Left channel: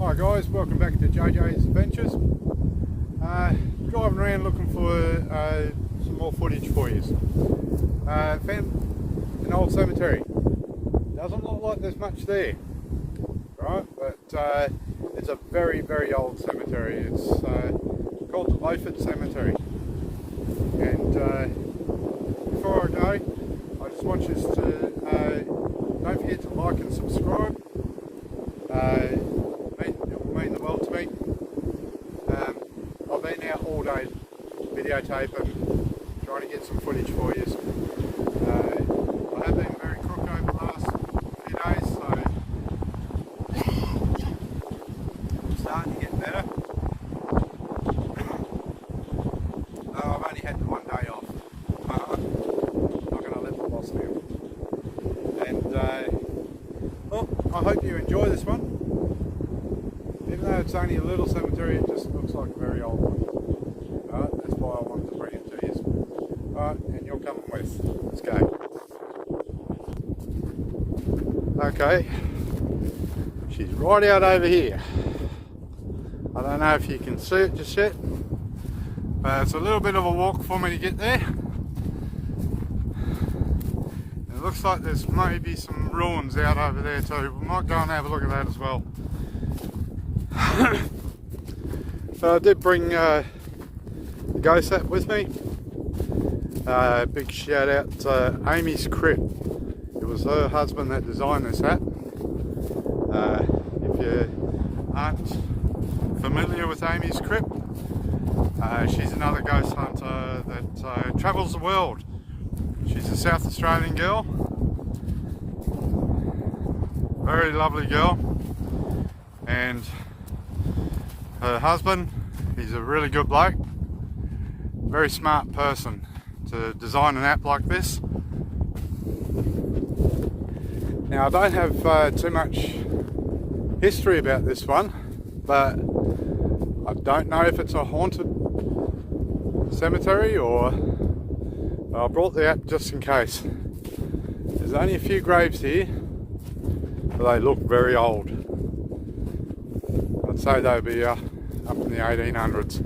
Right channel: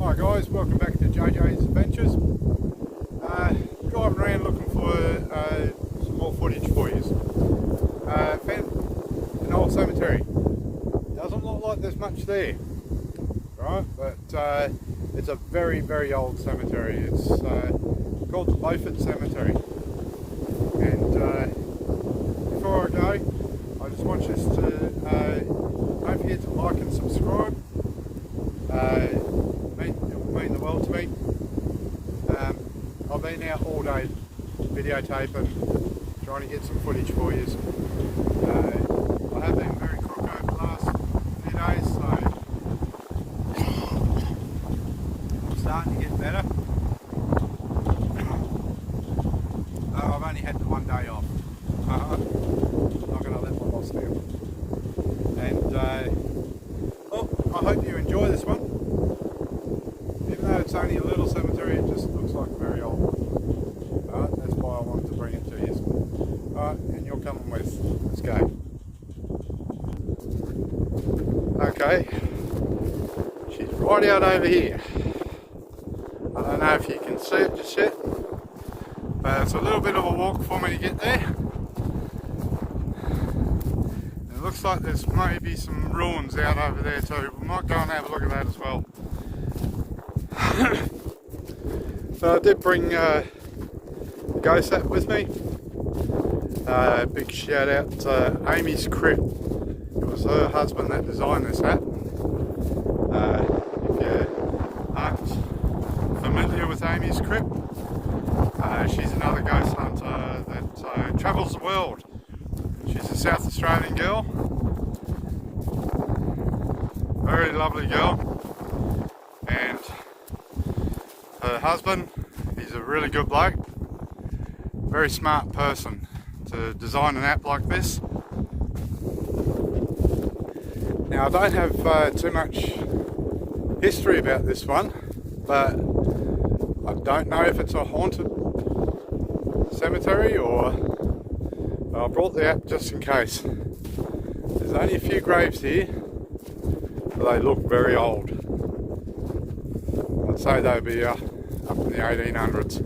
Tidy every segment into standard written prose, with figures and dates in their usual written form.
Hi guys, welcome back to JJ's Adventures. Driving around looking for some more footage for you. Found an old cemetery. Doesn't look like there's much there, right? But it's a very, very old cemetery. It's called the Beaufort Cemetery. And before I go, I just want you to don't forget to like and subscribe. It will mean the world to me. I've been out all day videotaping, trying to get some footage for you. I have been very crook over the last few days, so I'm starting to get better. I've only had the one day off. Not going to let my boss down. And well, I hope you enjoy this one. Even though it's only a little cemetery, it just looks like a very old one. Alright, that's why I wanted to bring it to you. Alright, and you're coming with. Let's go. Okay, she's right out over here. I don't know if you can see it just yet, but it's a little bit of a walk for me to get there. And it looks like there's maybe some ruins out over there too. We might go and have a look at that as well. So I did bring the ghost hat with me. Big shout out to Amy's Crypt. It was her husband that designed this hat. If you aren't familiar with Amy's Crypt, she's another ghost hunter that travels the world. She's a South Australian girl. Very lovely girl. And her husband, he's a really good bloke, very smart person to design an app like this. Now I don't have too much history about this one, but I don't know if it's a haunted cemetery or I brought the app just in case. There's only a few graves here, but they look very old. I'd say they'd be up in the 1800s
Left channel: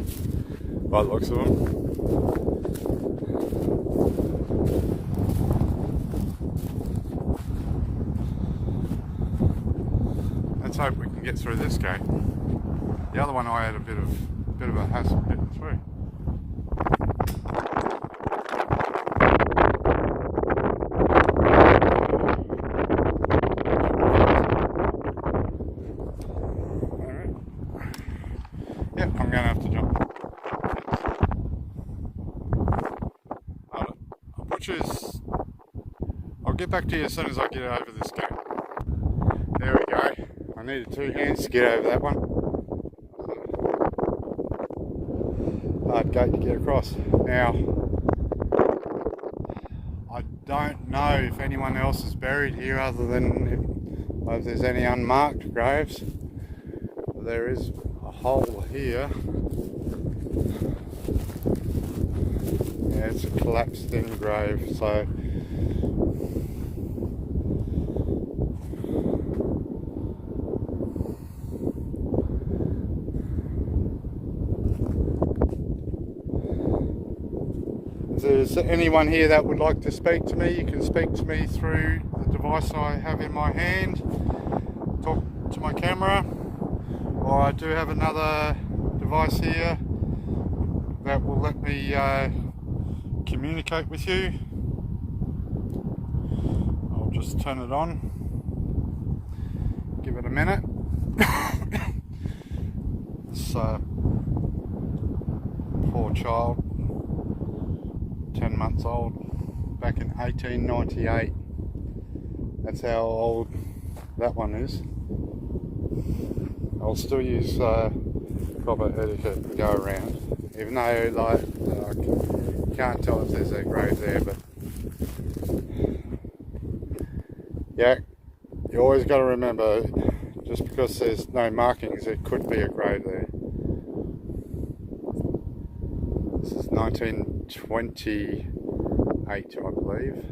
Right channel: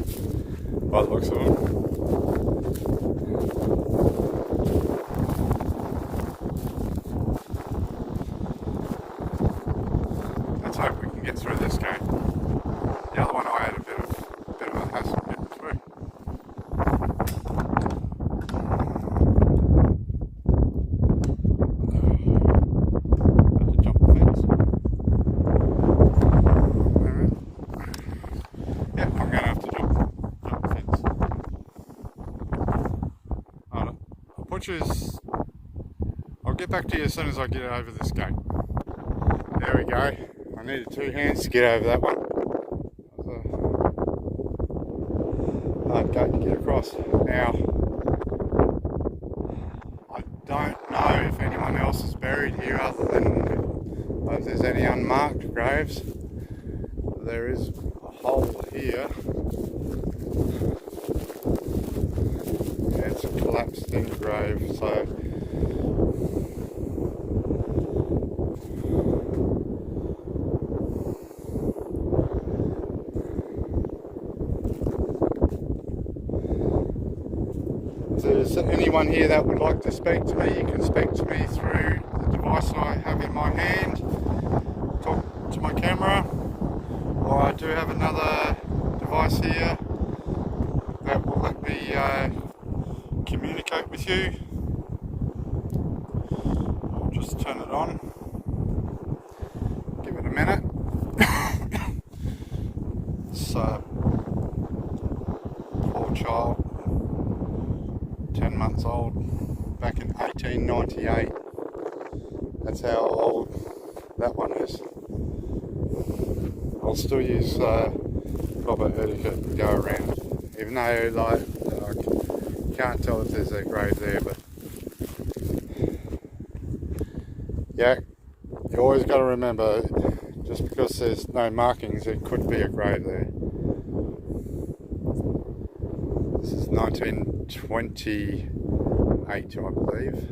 by the looks of them. Let's hope we can get through this game. The other one I had a bit of a hassle getting through. I'll get back to you as soon as I get over this gate. There we go. I needed two hands to get over that one. Hard gate to get across. Now, I don't know if anyone else is buried here other than if there's any unmarked graves. There is a hole here. It's a collapsed in grave, so if there's anyone here that would like to speak to me, you can speak to me through the device I have in my hand, talk to my camera, or I do have another device here that will let me communicate with you. I'll just turn it on, give it a minute. This poor child, 10 months old, back in 1898. That's how old that one is. I'll still use proper etiquette to go around, even though like can't tell if there's a grave there, but yeah, you always got to remember, just because there's no markings, it could be a grave there. This is 1928, I believe.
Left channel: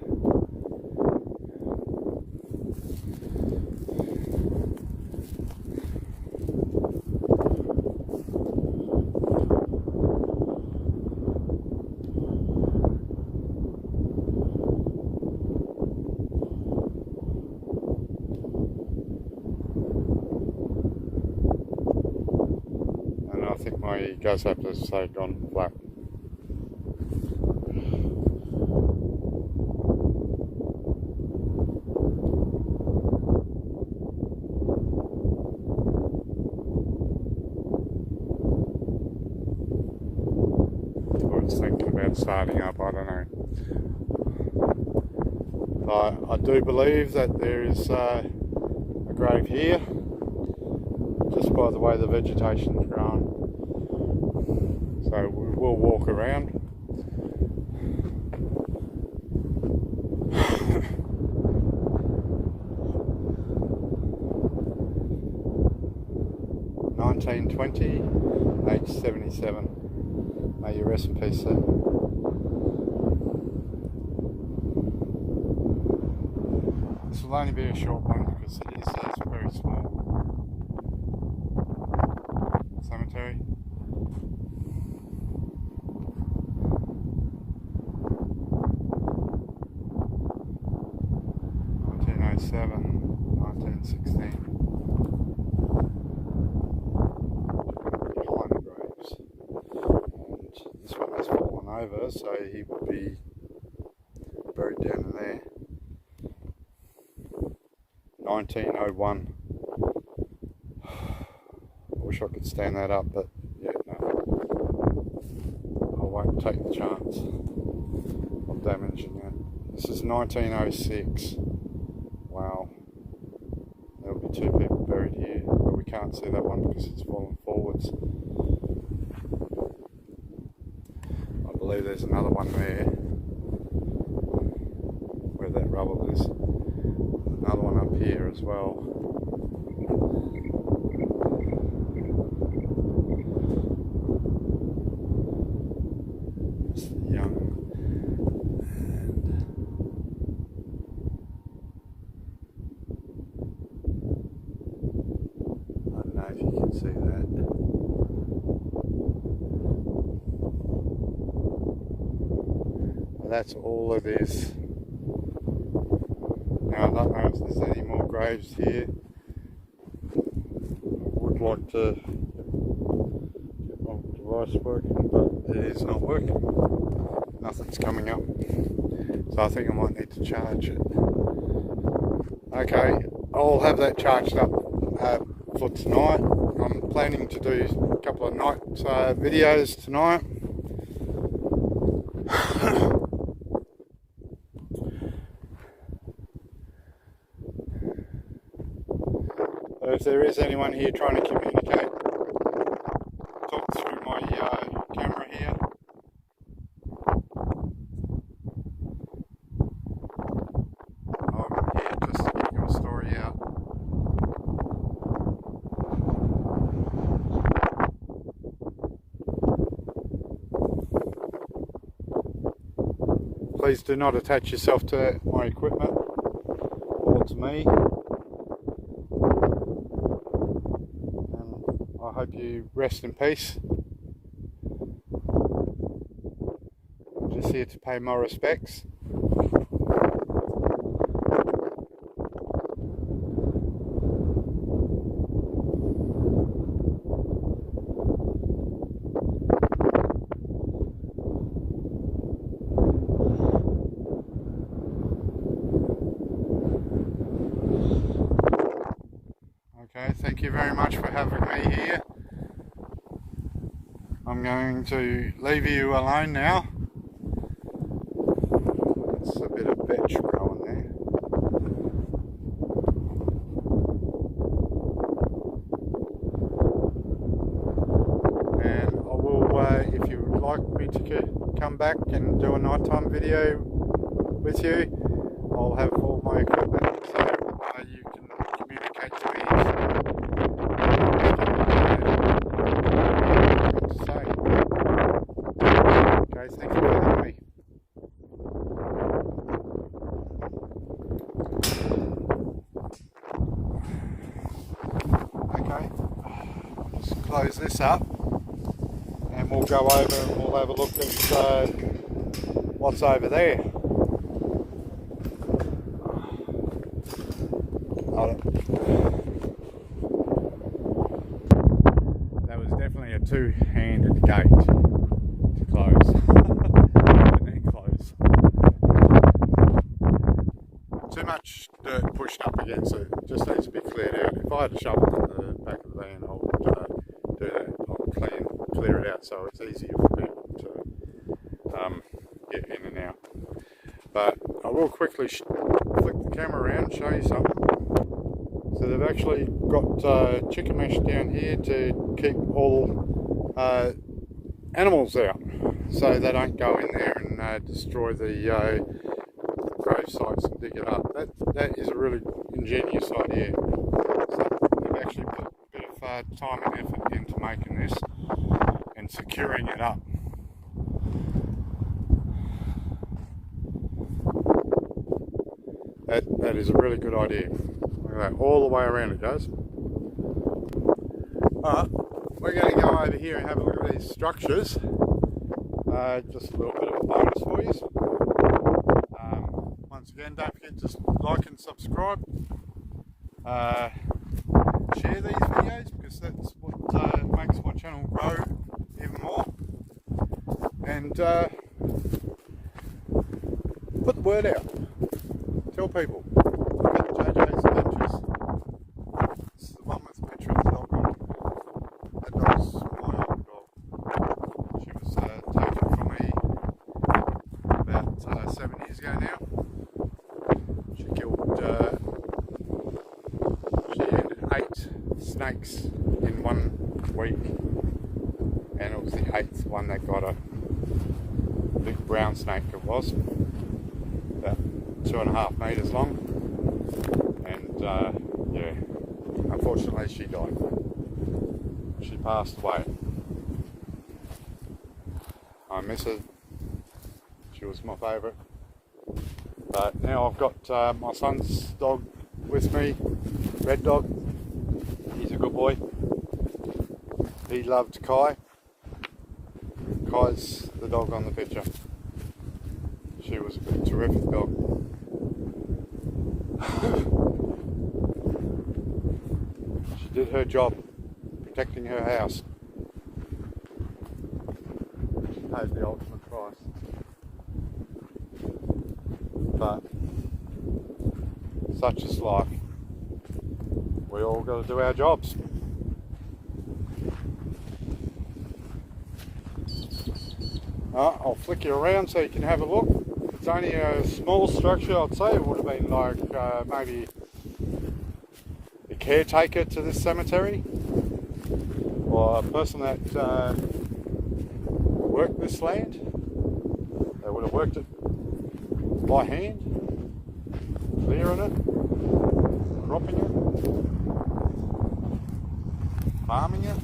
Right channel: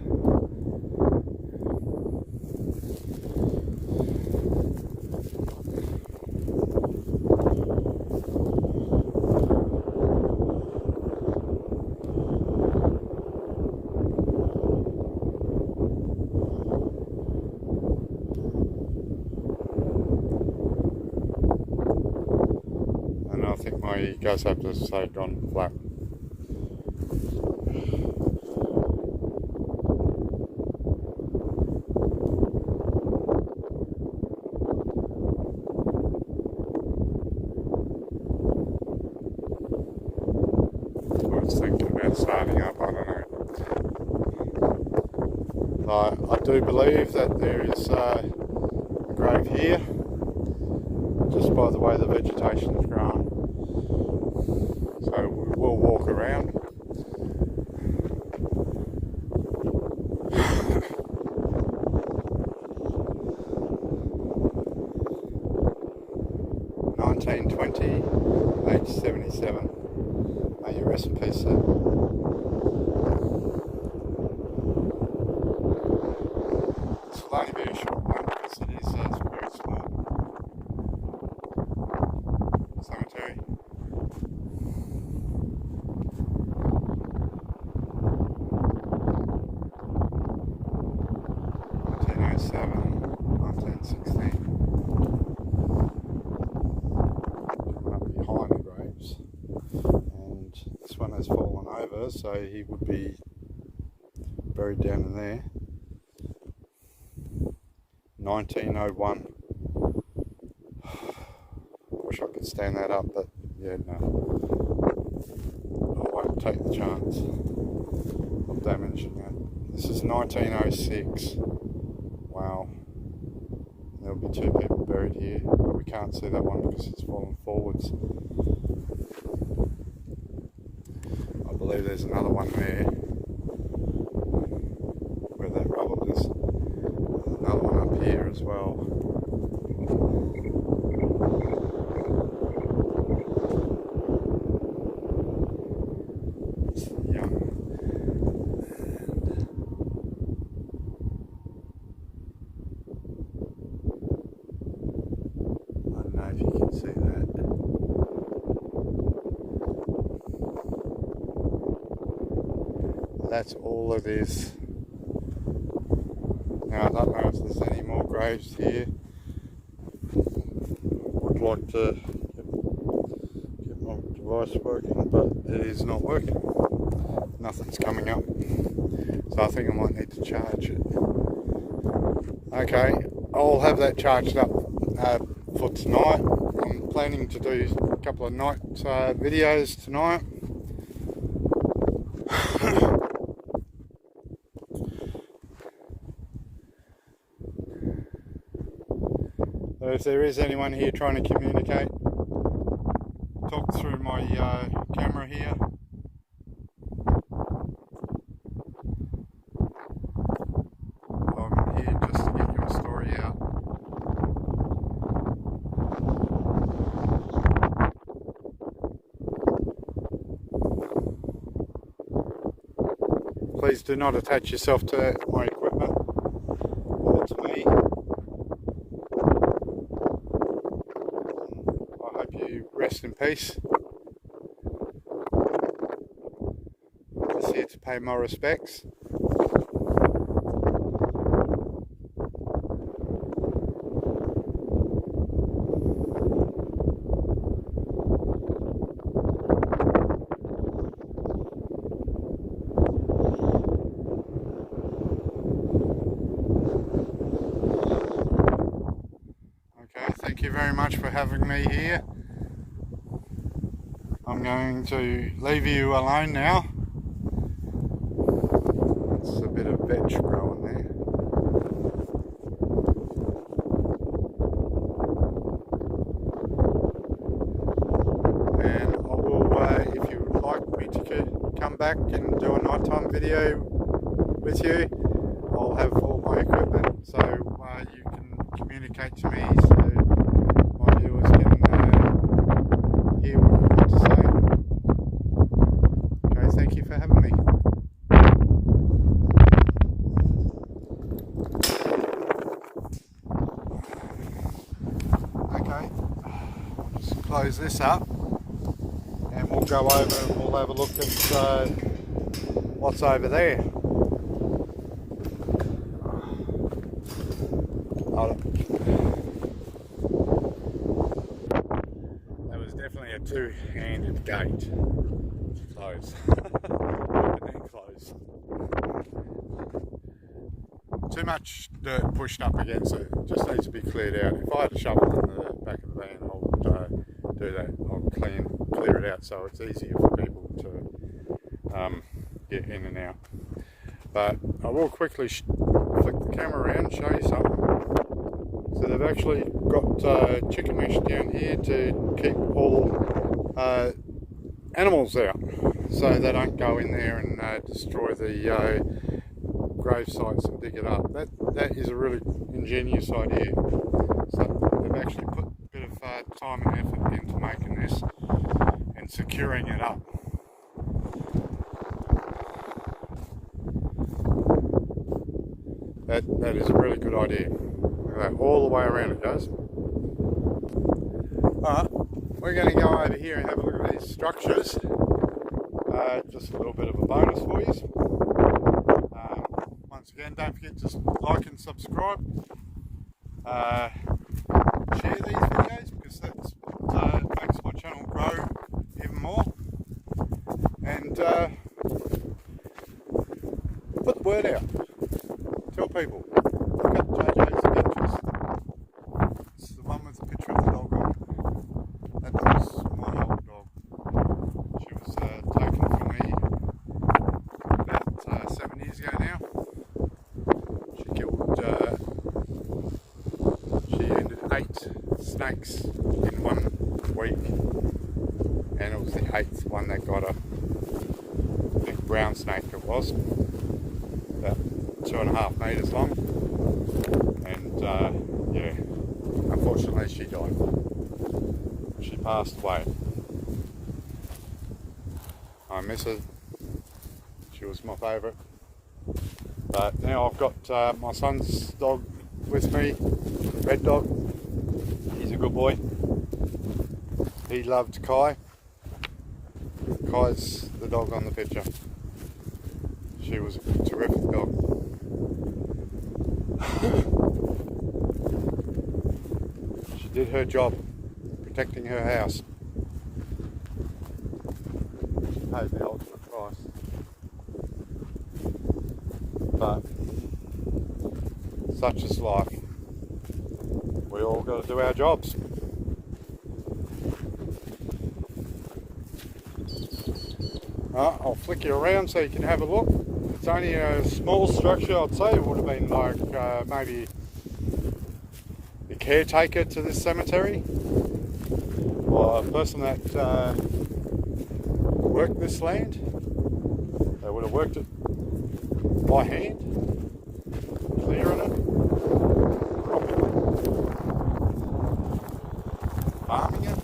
think my gas has gone flat. I was thinking about starting up, I don't know. I do believe that there is a grave here, just by the way the vegetation is growing. So we will walk around. $1920, age 77. May you rest in peace, sir. This will only be a short one because it is a very small cemetery. Behind the graves, and this one has fallen over, so he would be buried down in there. 1901. I wish I could stand that up, but yeah, no. I won't take the chance of damaging it. This is 1906. Wow. There'll be two people buried here, but we can't see that one because it's fallen forwards. I believe there's another one there, where that rubble is. Another one up here as well. It's young. And I don't know if you can see that. That's all it is. Now I don't know if there's any more graves here. I would like to get my device working, but it is not working. Nothing's coming up. So I think I might need to charge it. Okay, I'll have that charged up for tonight. I'm planning to do a couple of night videos tonight. So if there is anyone here trying to communicate, talk through my camera here. I'm here just to get your story out. Please do not attach yourself to my equipment or to me. I hope you rest in peace. I'm just here to pay my respects. Okay, thank you very much for having me here. I'm going to leave you alone now. It's a bit of vetch growing there. And I will, if you would like me to come back and do a nighttime video with you, I'll have all my equipment so you can communicate to me. Thank you for having me. Okay, I'll just close this up and we'll go over and we'll have a look at what's over there. That was definitely a two-handed gate to close. Open and close. Too much dirt pushed up against it. It just needs to be cleared out. If I had a shovel in the back of the van, I would do that. I'll clear it out so it's easier for people to get in and out. But I will quickly flick the camera around and show you something. So they've actually got chicken mesh down here to keep all animals out, so they don't go in there and destroy the grave sites and dig it up. That is a really ingenious idea. So they've actually put a bit of time and effort into making this and securing it up. That is a really good idea. Look at that, all the way around it goes. Alright, we're going to go over here and have a look at these structures. Just a little bit of a bonus for you. Once again, don't forget to like and subscribe. Share these videos because that's what makes my channel grow even more. And put the word out. Tell people. Look at JJ's Adventures. This is the one with the picture of the dog on it. That dog's my old dog. She was taken from me about 7 years ago now. She ended 8 snakes in 1 week. And it was the 8th one that got her. Big brown snake it was. About 2.5 meters long, and yeah, unfortunately she died. She passed away. I miss her. She was my favourite. But now I've got my son's dog with me, Red Dog. He's a good boy. He loved Kai. Kai's the dog on the picture. She was a terrific dog. She did her job, protecting her house. She paid the ultimate price. But such is life. We all got to do our jobs. I'll flick you around so you can have a look. It's only a small structure, I'd say. It would have been like maybe the caretaker to this cemetery, or a person that worked this land. They would have worked it by hand, clearing it, cropping it, farming it.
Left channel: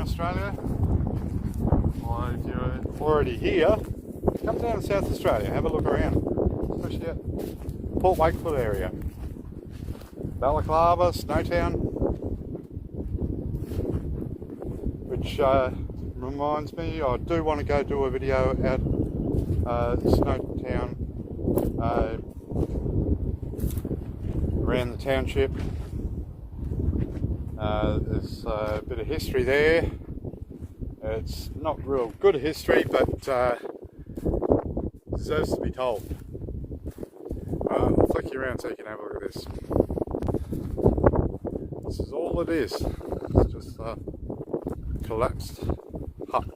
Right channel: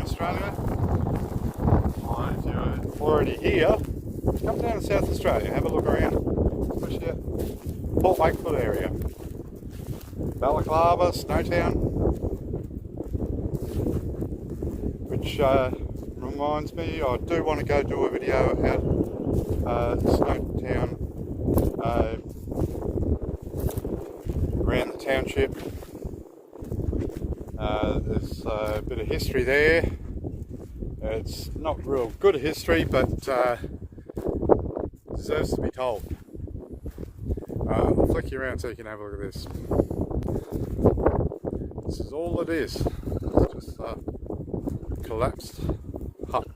Australia, or if you're already here, come down to South Australia, have a look around, especially at Port Wakefield area, Balaclava, Snowtown, which reminds me, I do want to go do a video out Snowtown, around the township. There's a bit of history there. It's not real good history, but deserves to be told. I'll flick you around so you can have a look at this. This is all it is. It's just a collapsed hut.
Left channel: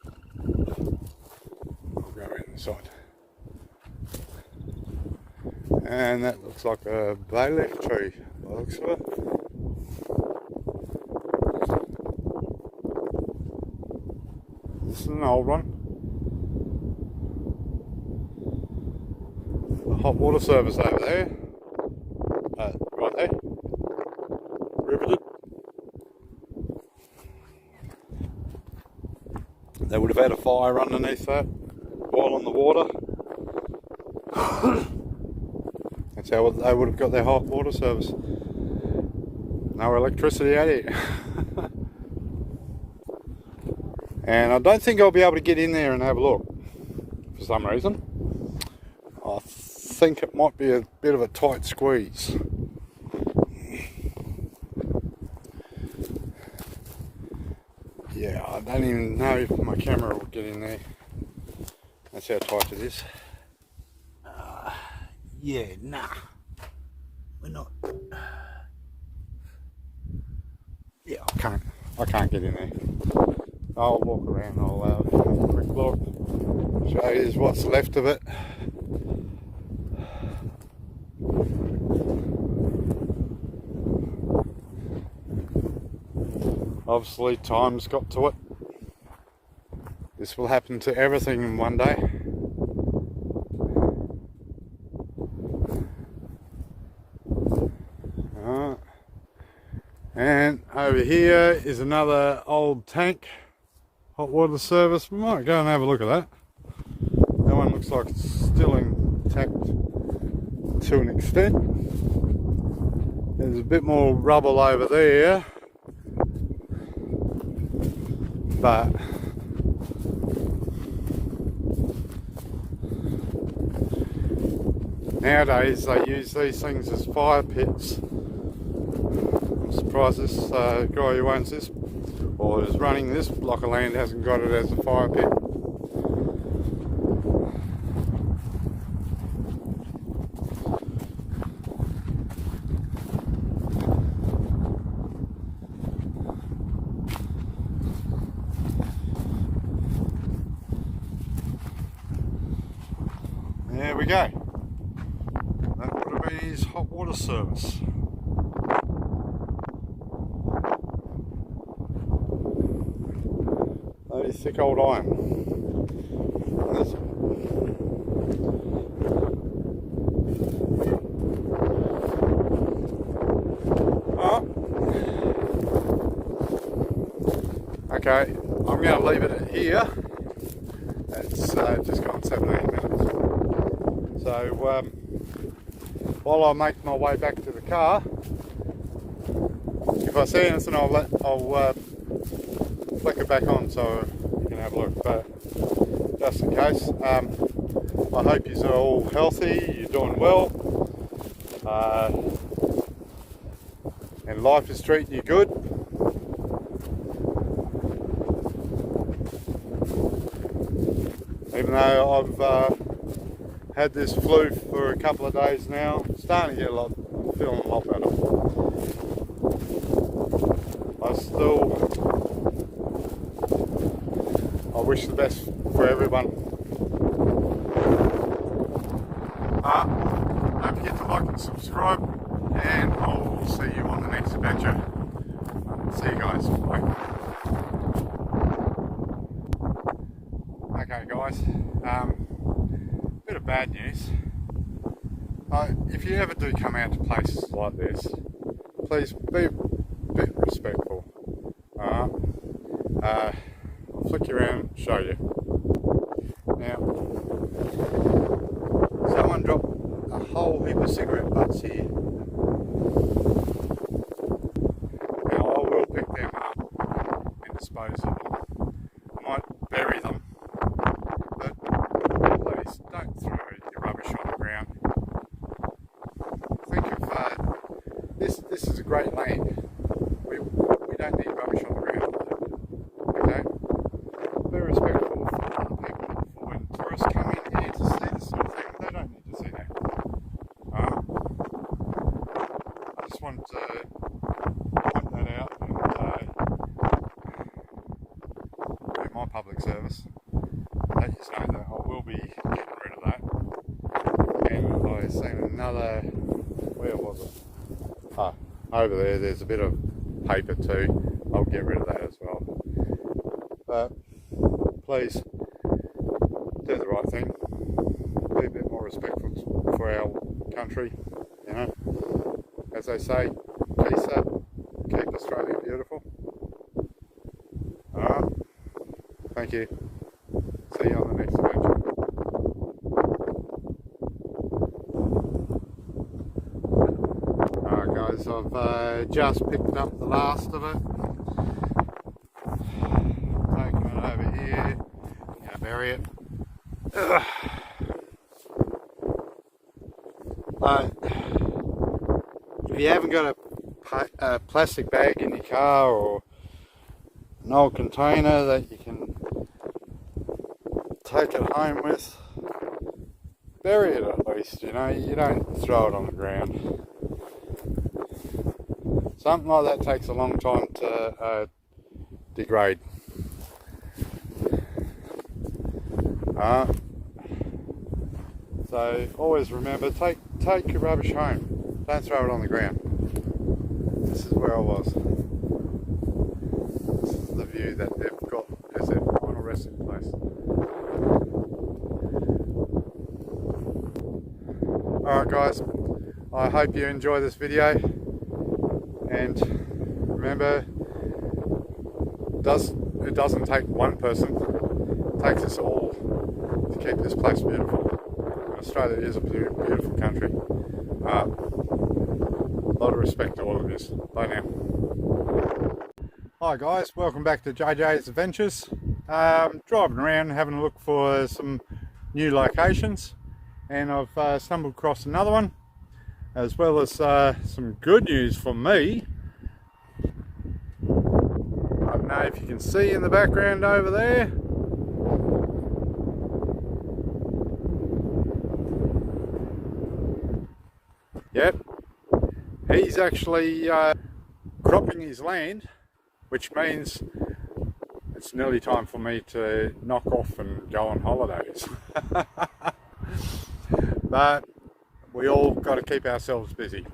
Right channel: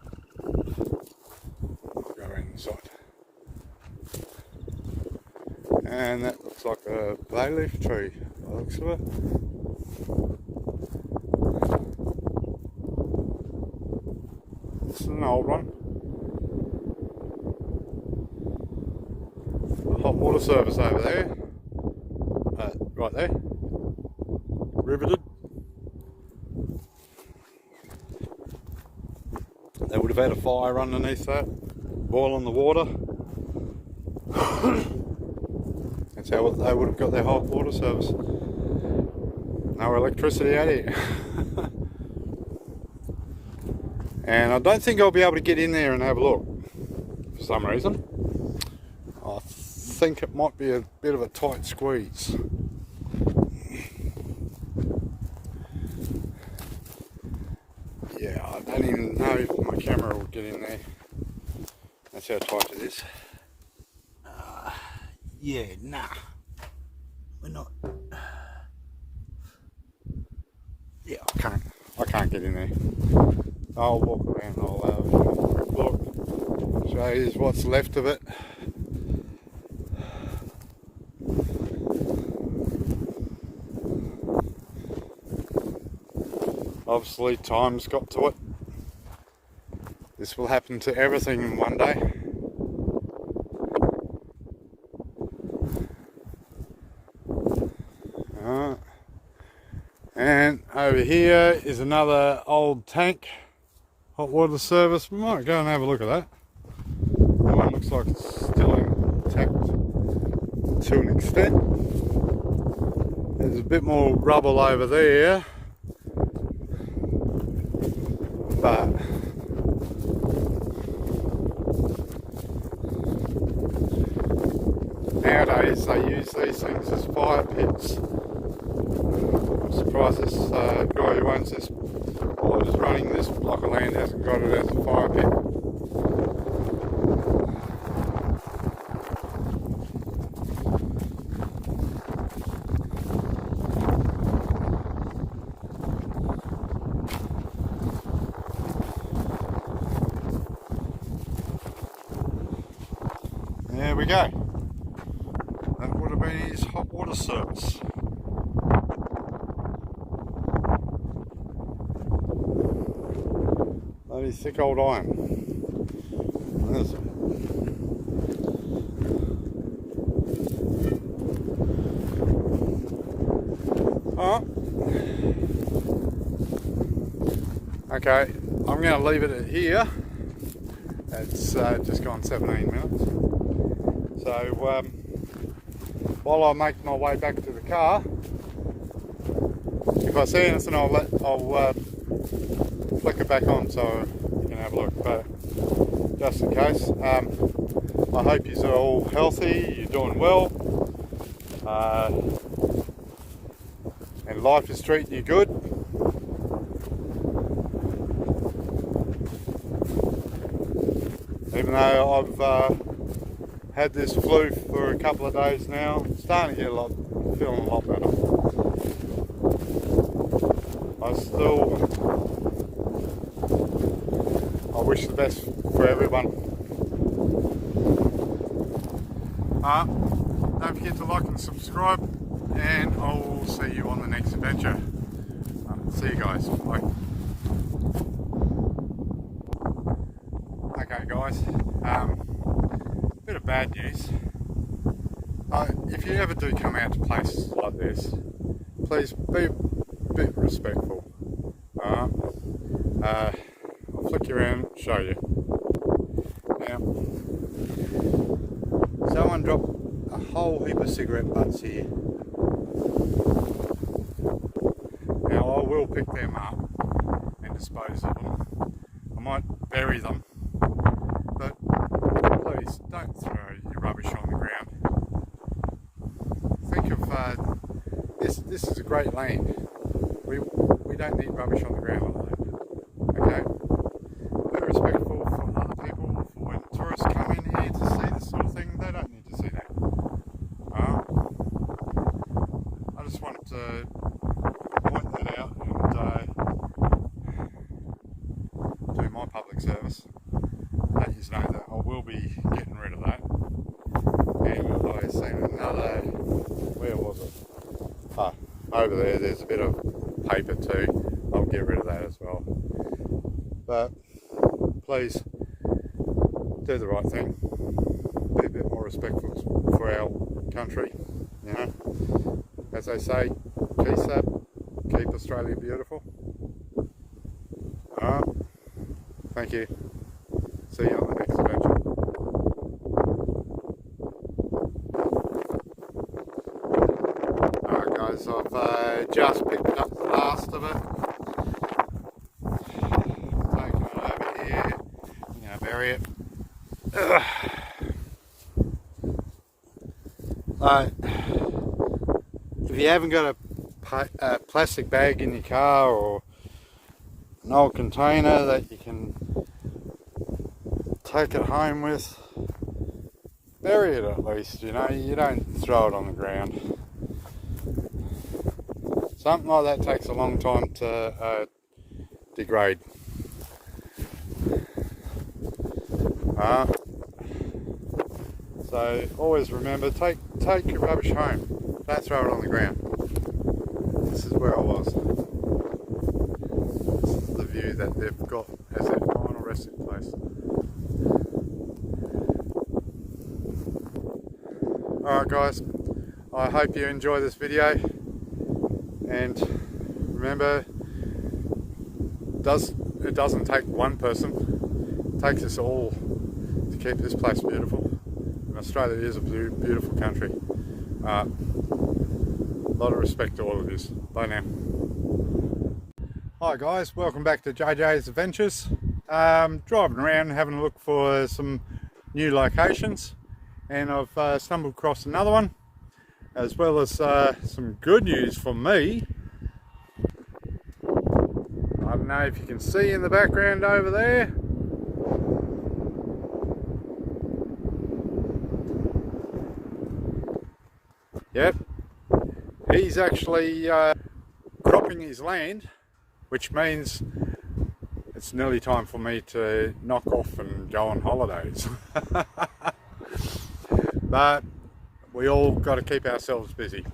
I'll go around the side. And that looks like a bay leaf tree, by the looks of it. This is an old one. The hot water service over there. Right there. Riveted. They would have had a fire underneath that, boiling the water. That's how they would have got their hot water service. No electricity out here. And I don't think I'll be able to get in there and have a look for some reason. I think it might be a bit of a tight squeeze. Yeah, I don't even know if my camera will get in there. That's how tight it is. Yeah, nah. We're not. Yeah, I can't get in there. I'll walk around, I'll have a quick look. Show you what's left of it. Obviously time's got to it. This will happen to everything in one day. And over here is another old tank, hot water service. We might go and have a look at that. That one looks like it's still intact to an extent. There's a bit more rubble over there, but nowadays they use these things as fire pits. I'm surprised this guy who owns this or is running this block of land hasn't got it as a fire pit. There we go. That would have been his hot water service. Bloody thick old iron. Oh. Okay, I'm going to leave it at here. It's just gone 17 minutes. So while I make my way back to the car, if I see anything, I'll flick it back on so you can have a look. But just in case, I hope you're all healthy, you're doing well, and life is treating you good. Even though I've had this flu for a couple of days now, starting to get feeling a lot better. I wish the best for everyone. Don't forget to like and subscribe, and I'll see you on the next adventure. See you guys. Bye. Okay guys, bit of bad news. If you ever do come out to places like this, please be a bit respectful. I'll flick you around and show you. Now, someone dropped a whole heap of cigarette butts here. Now I will pick them up and dispose of them. I might bury them, but please don't throw your rubbish on the ground. Think of this is a great land. We don't need rubbish on the ground. Okay? Be respectful for other people. For when tourists come in here to see this sort of thing, they don't need to see that. I just wanted to point that out and do my public service. Let you know that I will be getting rid of that. And I've seen another, where was it? Over there, there's a bit of paper too. I'll get rid of that as well. But please do the right thing. Be a bit more respectful for our country. You know, as they say, peace up, keep Australia beautiful. Alright, thank you. See you on the next adventure. Alright guys, I've just picked up the last of it. Taking it over here. I'm going to bury it. if you haven't got a plastic bag in your car or an old container that you can take it home with, bury it at least, you know, you don't throw it on the ground. Something like that takes a long time to degrade. So always remember, take your rubbish home, don't throw it on the ground. This is where I was. This is the view that they've got as their final resting place. Alright guys, I hope you enjoy this video, and remember, it doesn't take one person, it takes us all to keep this place beautiful. Australia is a beautiful country. A lot of respect to all of this. Bye now. Hi guys, welcome back to JJ's Adventures. Driving around having a look for some new locations, and I've stumbled across another one, as well as some good news for me. I don't know if you can see in the background over there. Yep, he's actually cropping his land, which means it's nearly time for me to knock off and go on holidays. But we all got to keep ourselves busy.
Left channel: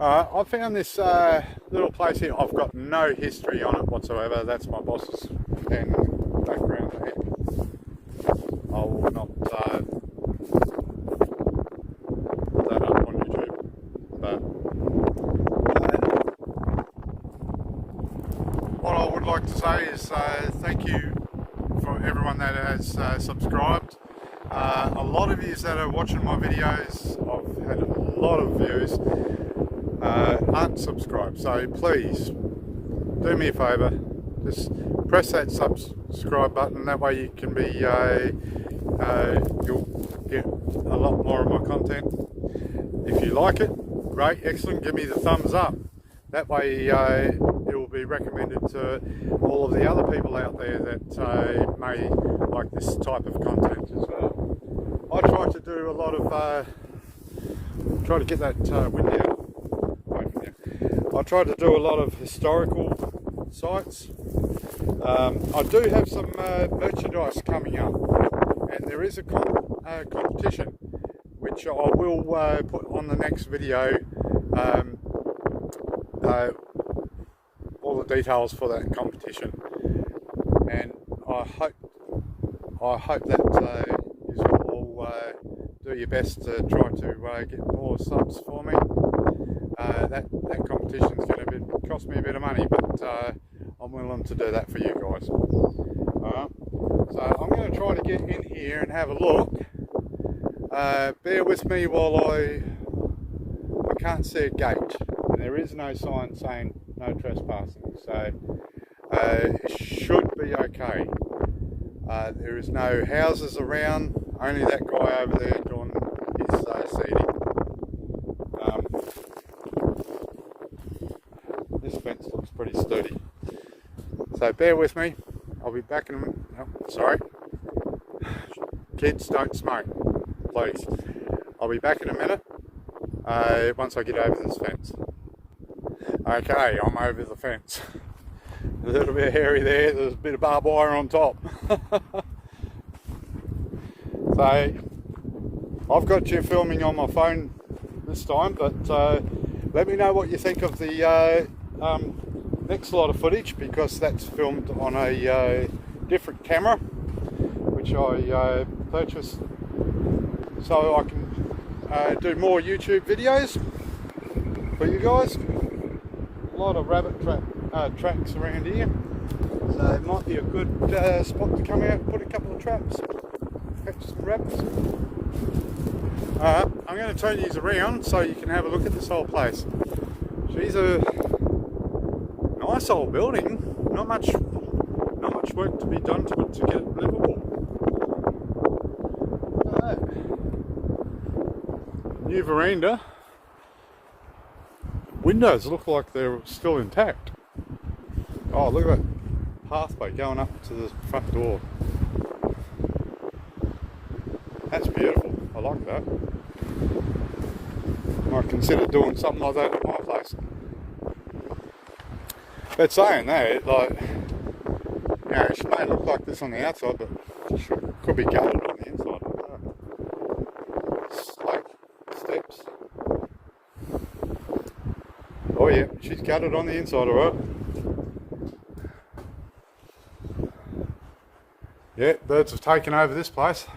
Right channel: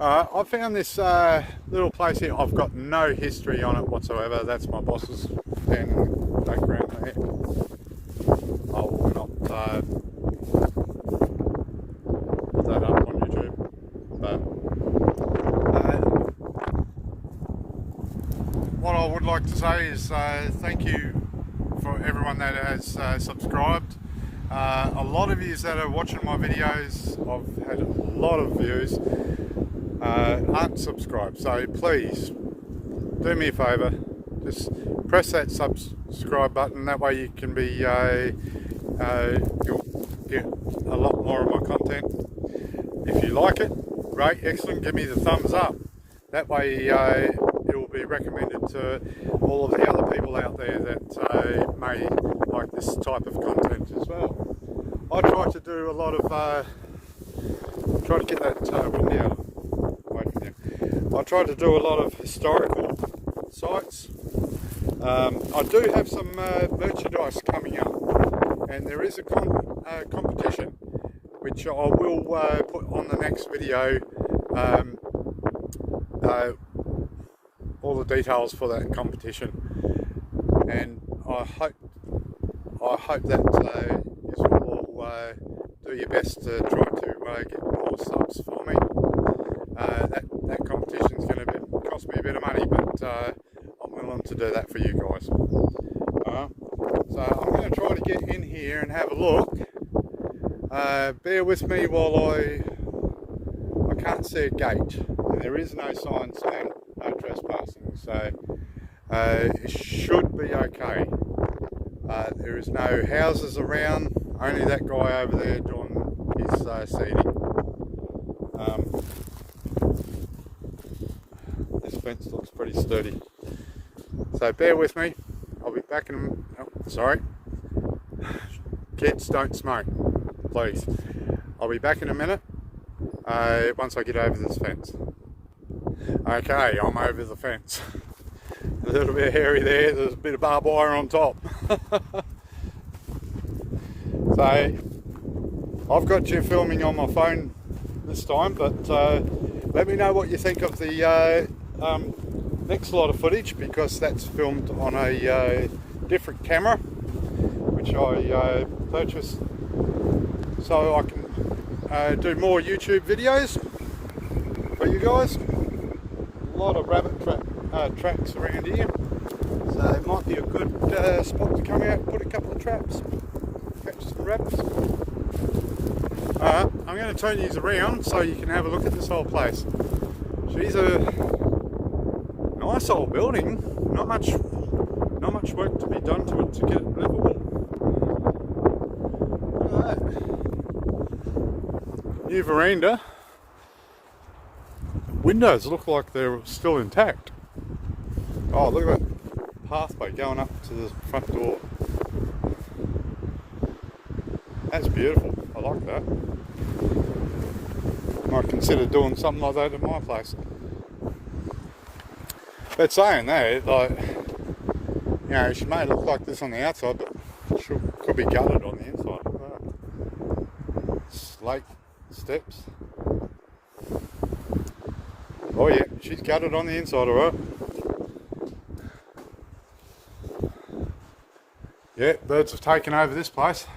I found this little place here. I've got no history on it whatsoever. That's my boss's pen in the background there. I will not put that up on YouTube. But what I would like to say is thank you for everyone that has subscribed. A lot of you that are watching my videos, I've had a lot of views, aren't subscribed, so please do me a favour, just press that subscribe button. That way you can be you'll get a lot more of my content. If you like it, great, excellent, give me the thumbs up. That way it will be recommended to all of the other people out there that may like this type of content as well. I try to do a lot of try to get that wind out away from you. I try to do a lot of historical sites. I do have some merchandise coming up, and there is a competition which I will put on the next video. All the details for that competition, and I hope that you will all do your best to try to get more subs for me. That competition is going to cost me a bit of money, but I'm willing to do that for you guys. So I'm going to try to get in here and have a look. Bear with me while I can't see a gate, and there is no sign saying no trespassing, so it should be okay. There is no houses around, only that guy over there doing his seeding. This fence looks pretty sturdy, so bear with me. I'll be back in sorry, kids, don't smoke, please. I'll be back in a minute once I get over this fence. Okay, I'm over the fence. A little bit hairy there, there's a bit of barbed wire on top. So, I've got you filming on my phone this time, but let me know what you think of the next lot of footage, because that's filmed on a different camera, which I purchased so I can do more YouTube videos for you guys. A lot of rabbit tracks around here, so it might be a good spot to come out and put a couple of traps, catch some rabbits. I'm going to turn these around so you can have a look at this whole place. She's a nice old building, not much work to be done to it to get it livable. new veranda. Windows look like they're still intact. Oh, look at that pathway going up to the front door. That's beautiful. I like that. Might consider doing something like that at my place. But saying that, like, you know, she may look like this on the outside, but she could be gutted on the inside. Slate steps. Oh yeah, she's gutted on the inside, alright. Yeah, birds have taken over this place.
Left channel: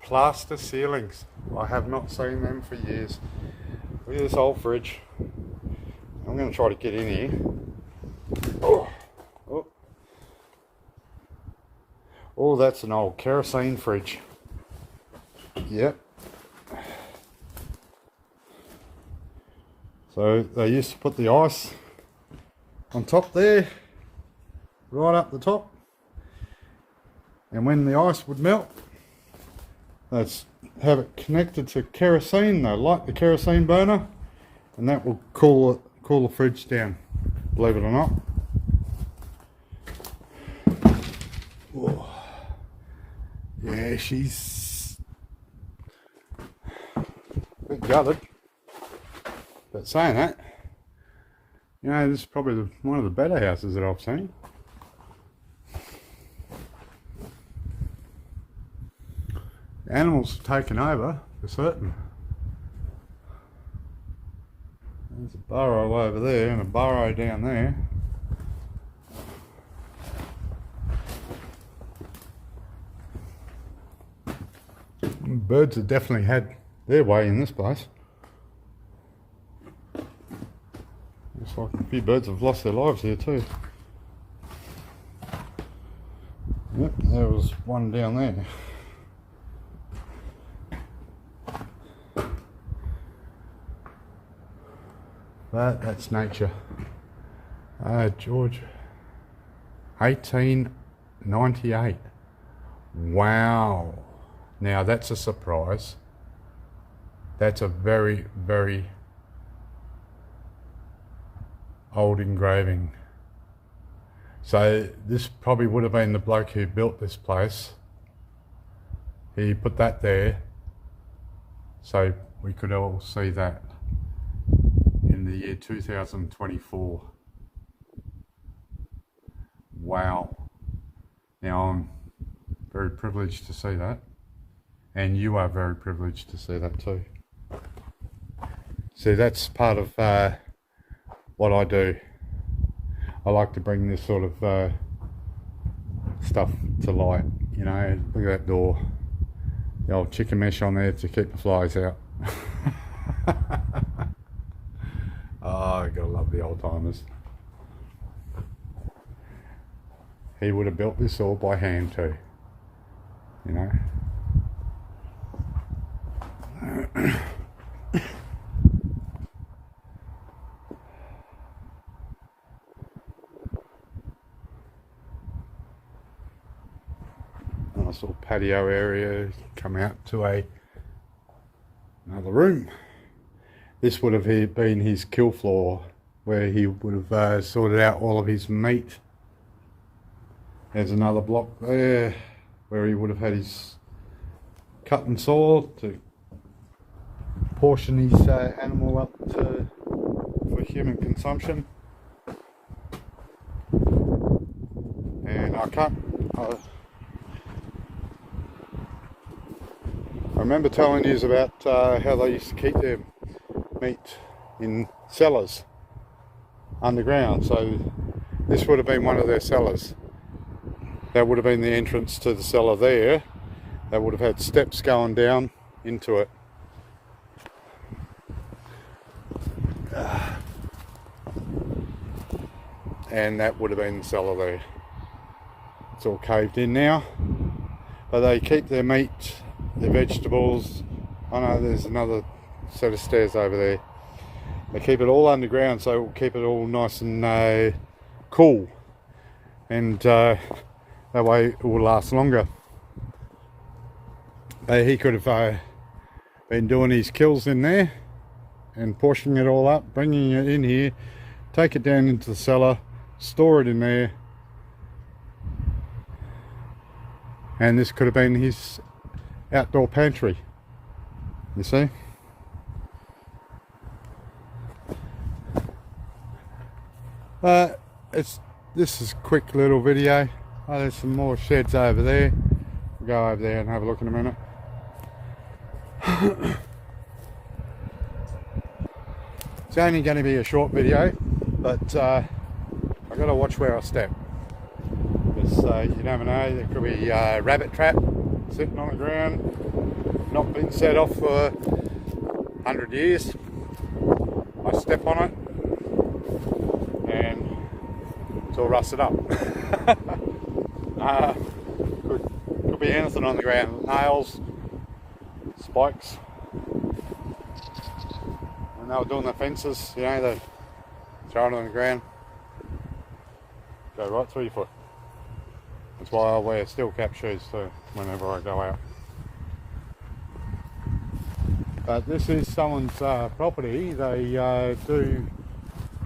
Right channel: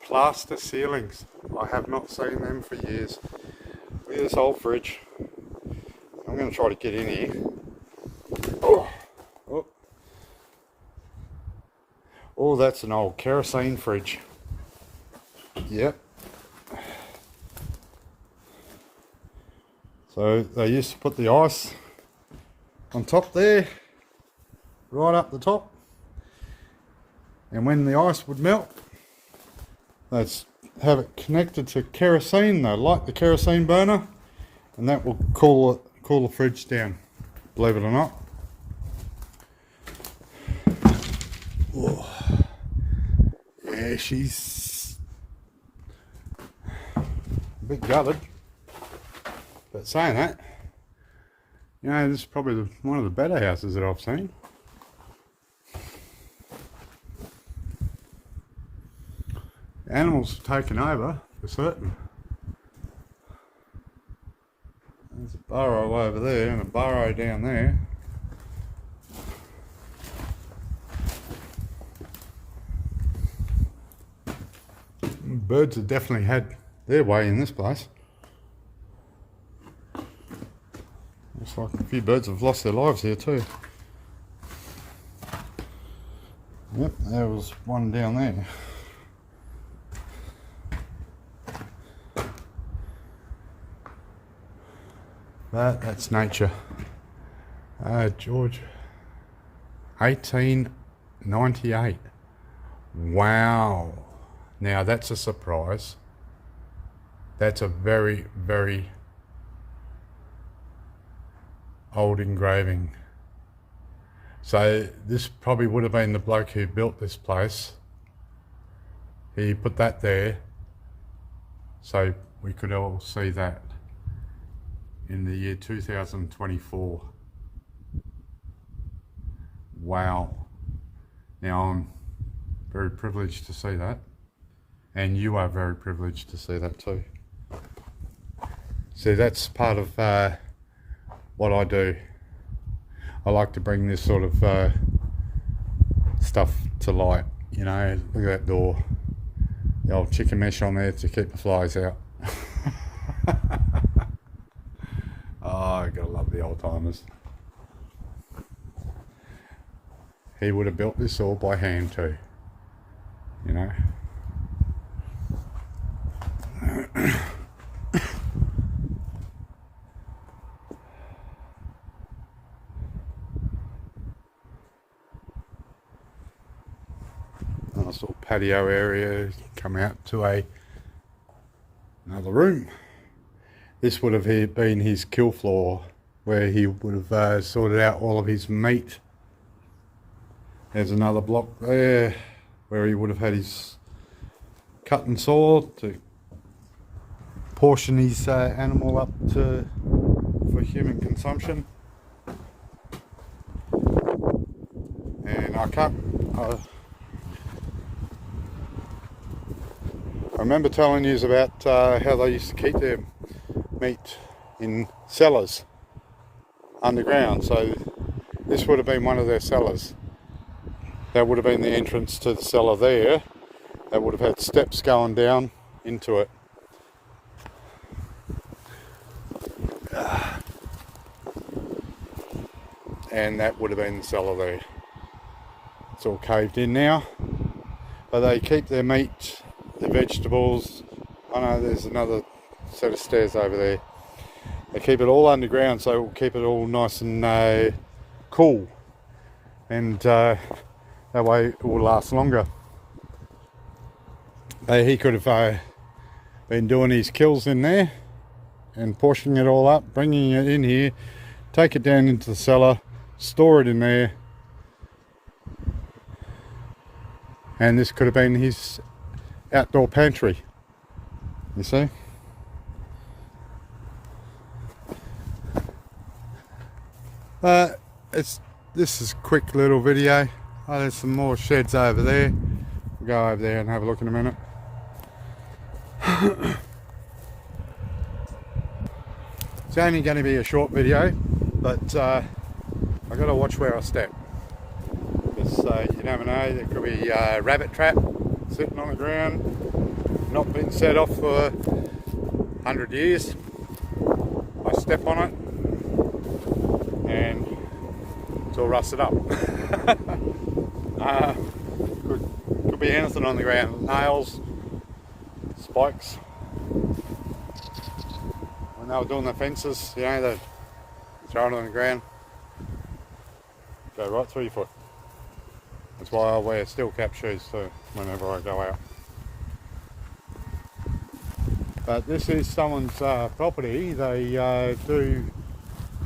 Plaster ceilings. I have not seen them for years. Look at this old fridge. I'm going to try to get in here. Oh, oh. Oh, that's an old kerosene fridge. Yep. So they used to put the ice on top there, right up the top. And when the ice would melt, they'd have it connected to kerosene. They'd light the kerosene burner, and that will cool the fridge down, believe it or not. Oh. Yeah, she's a bit gutted. But saying that, you know, this is probably one of the better houses that I've seen. The animals have taken over, for certain. There's a burrow over there and a burrow down there. Birds have definitely had their way in this place. Looks like a few birds have lost their lives here too. Yep, there was one down there. That's nature. George, 1898. Wow. Now that's a surprise. That's a very, very old engraving. So this probably would have been the bloke who built this place. He put that there so we could all see that in the year 2024. Wow. Now I'm very privileged to see that, and you are very privileged to see that too. See, that's part of what I do. I like to bring this sort of stuff to light. You know, look at that door. The old chicken mesh on there to keep the flies out. Oh, I gotta love the old timers. He would have built this all by hand too, you know. Nice little patio area, come out to another room. This would have been his kill floor, where he would have sorted out all of his meat. There's another block there where he would have had his cut and saw to portion his animal up for human consumption. And I remember telling you about how they used to keep their meat in cellars underground. So this would have been one of their cellars. That would have been the entrance to the cellar there. They would have had steps going down into it. And that would have been the cellar there. It's all caved in now. But they keep their meat, their vegetables. I know there's another set of stairs over there. They keep it all underground, so it will keep it all nice and cool. and that way it will last longer. He could have been doing his kills in there and pushing it all up, bringing it in here, take it down into the cellar, store it in there, and this could have been his outdoor pantry, you see. This is a quick little video. Oh, there's some more sheds over there. We'll go over there and have a look in a minute. It's only going to be a short video, but I've got to watch where I step, because you never know, there could be a rabbit trap sitting on the ground, not been set off for 100 years. I step on it and it's all rusted up. Could be anything on the ground, nails, spikes. When they were doing the fences, you know, they throw it on the ground, go right through your foot. That's why I wear steel cap shoes too whenever I go out. But this is someone's property. They do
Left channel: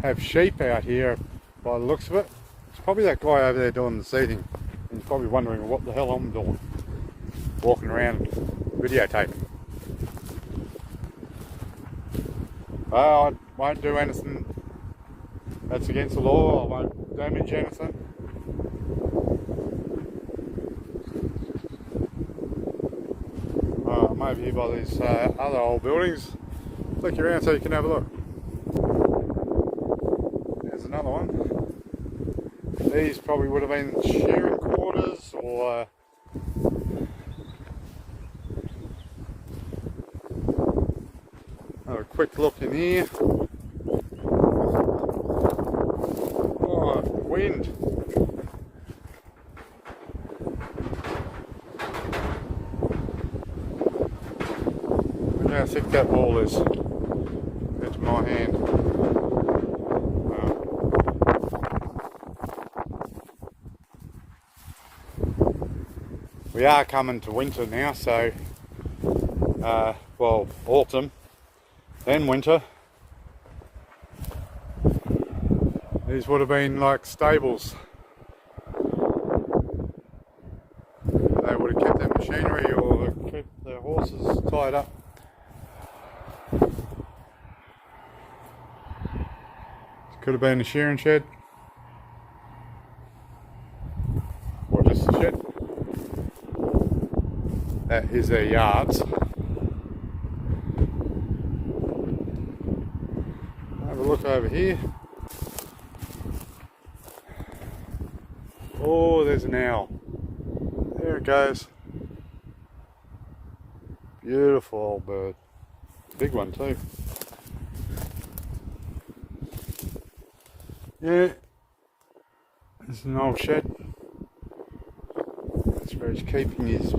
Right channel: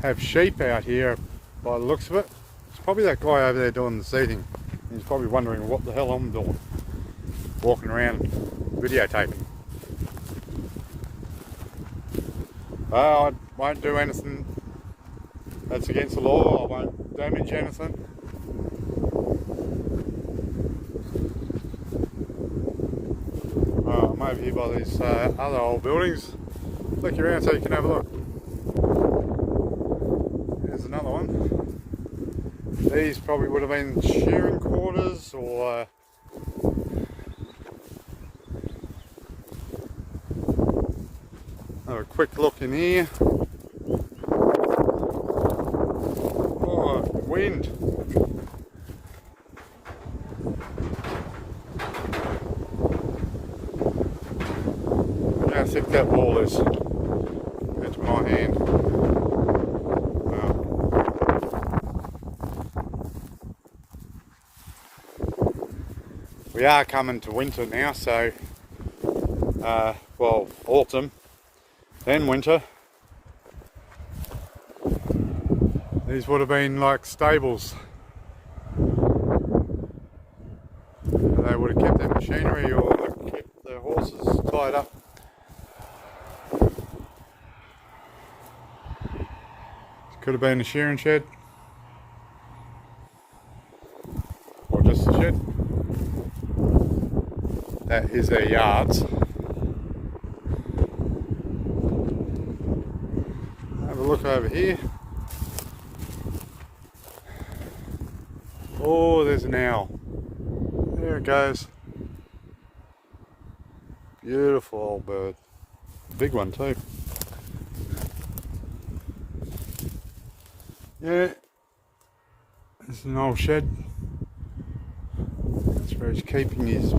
have sheep out here by the looks of it. It's probably that guy over there doing the seeding. He's probably wondering what the hell I'm doing, walking around videotaping. I won't do anything that's against the law. I won't damage anything. I'm over here by these other old buildings. Look around so you can have a look. There's another one. These probably would have been shearing quarters, or have a quick look in here. Oh, wind. Look how thick that wall is. That's my hand. We are coming to winter now, so well, autumn, then winter. These would have been like stables. They would have kept their machinery or kept their horses tied up. Could have been a shearing shed, or just a shed. That is their yards. Have a look over here. Oh, there's an owl. There it goes. Beautiful old bird. Big one too. Yeah. There's an old shed. That's where he's keeping his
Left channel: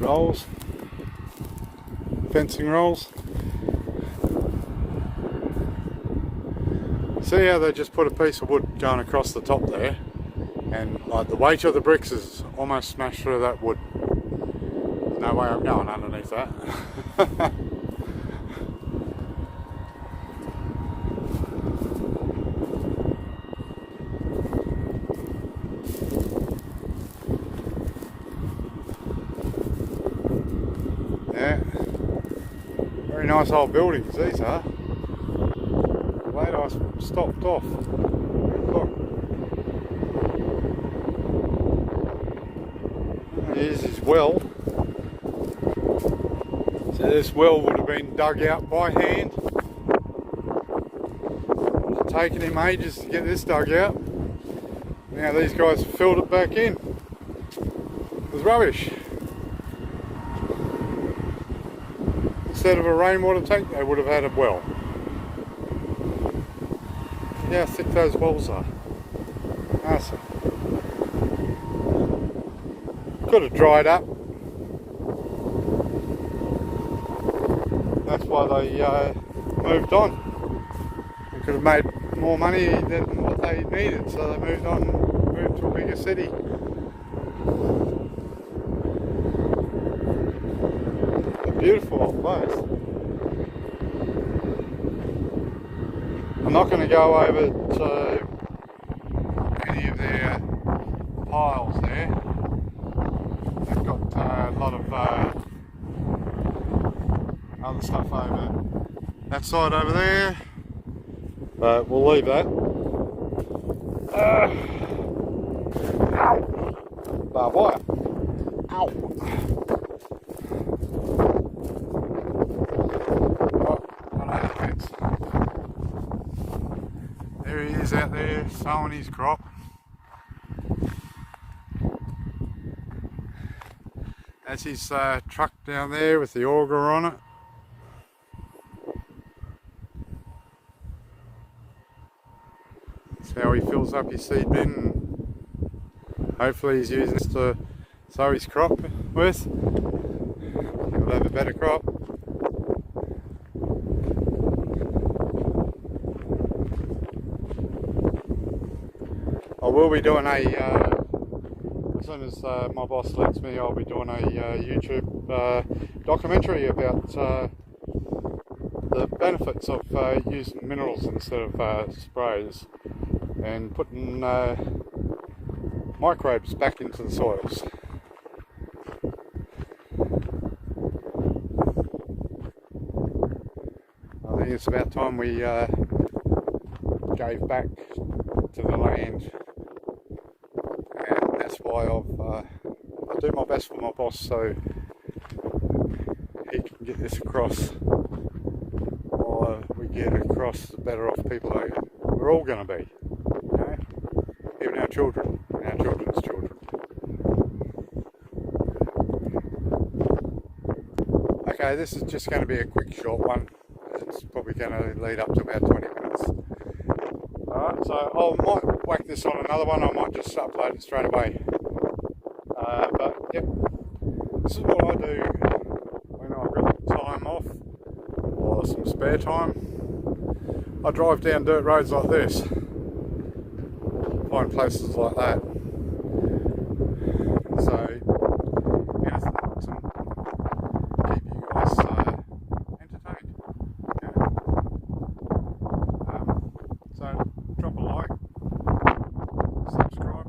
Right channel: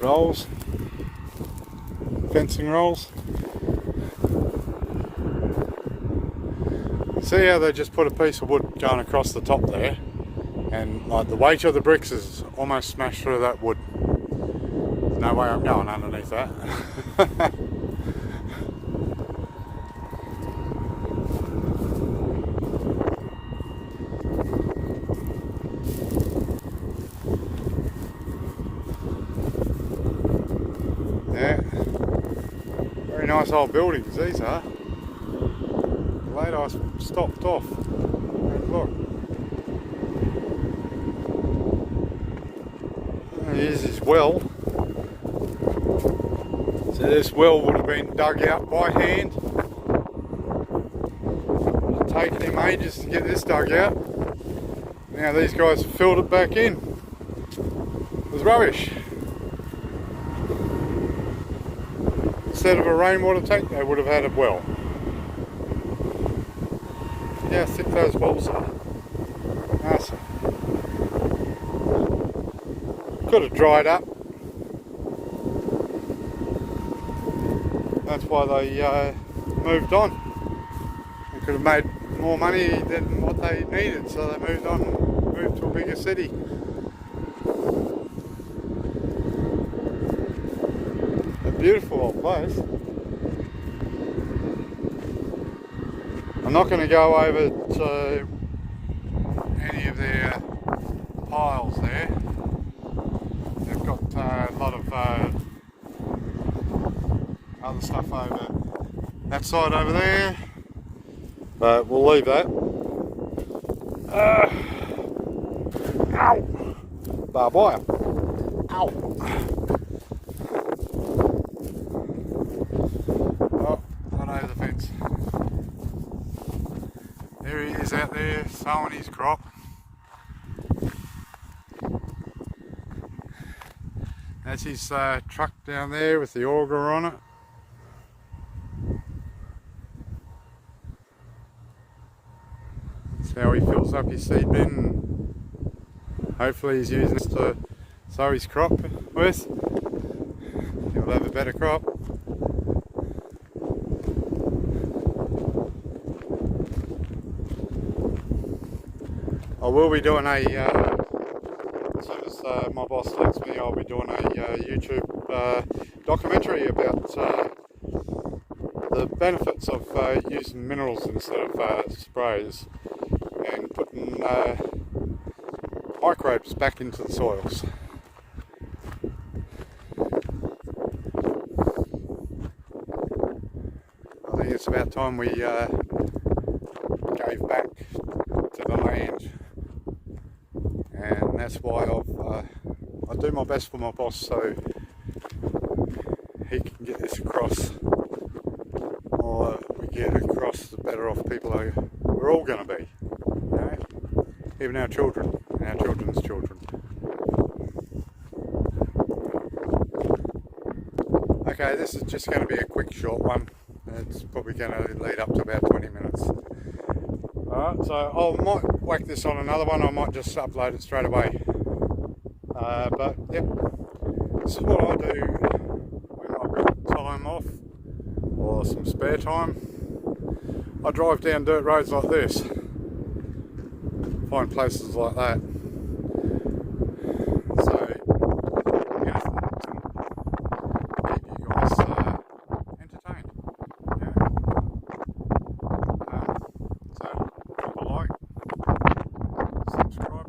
rolls. Fencing rolls. See how they just put a piece of wood going across the top there, and like the weight of the bricks is almost smashed through that wood. There's no way I'm going underneath that. Yeah, very nice old buildings these are. Late I stopped off. Look. Here's his well. So this well would have been dug out by hand. It would have taken him ages to get this dug out. Now these guys have filled it back in. It was rubbish. Instead of a rainwater tank, they would have had a well. Yeah, how thick those walls are. Awesome. Could have dried up. That's why they moved on. They could have made more money than what they needed, so they moved to a bigger city. A beautiful old place. I'm not going to go over to any of their piles there. They've got a lot of other stuff over that side over there, but we'll leave that. Ow! Barbed wire. Ow! Oh, got over the fence. There he is out there sowing his crop. That's his truck down there with the auger on it. That's how he fills up his seed bin. Hopefully he's using this to sow his crop with. He'll have a better crop. I will be doing as soon as my boss lets me, I'll be doing a YouTube documentary about the benefits of using minerals instead of sprays and putting microbes back into the soils. I think it's about time we gave back to the land, and that's why I do my best for my boss so he can get this across. The more we get across, the better off people we're all going to be, you know? Even our children and our children's children. Okay, this is just going to be a quick short one. It's probably going to lead up to about 20 minutes. Alright, so I might whack this on another one, I might just upload it straight away. But yep, this is what I do when I've got time off or some spare time. I drive down dirt roads like this, find places like that. So, you know, to keep you guys entertained. Yeah. So, drop a like, subscribe.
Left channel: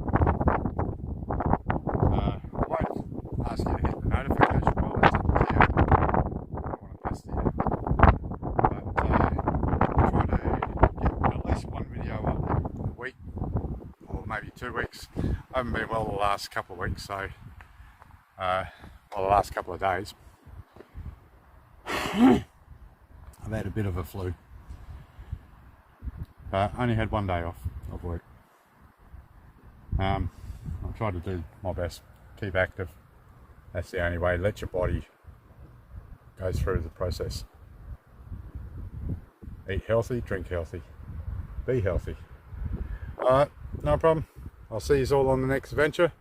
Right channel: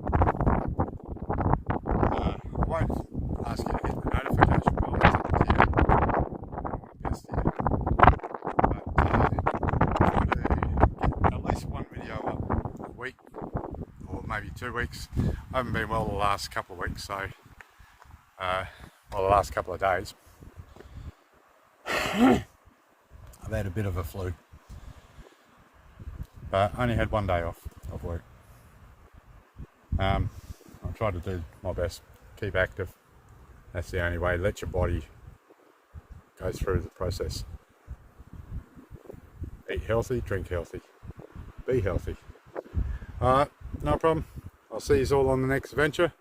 I won't ask you to hit the notification bell, it's up to you. I don't want to pester you. But try to get at least one video up a week, or maybe 2 weeks. I haven't been well the last couple of weeks, so well, the last couple of days. I've had a bit of a flu, but only had 1 day off of work. I'll try to do my best, keep active. That's the only way. Let your body go through the process. Eat healthy, drink healthy, be healthy. Alright, no problem. I'll see you all on the next adventure.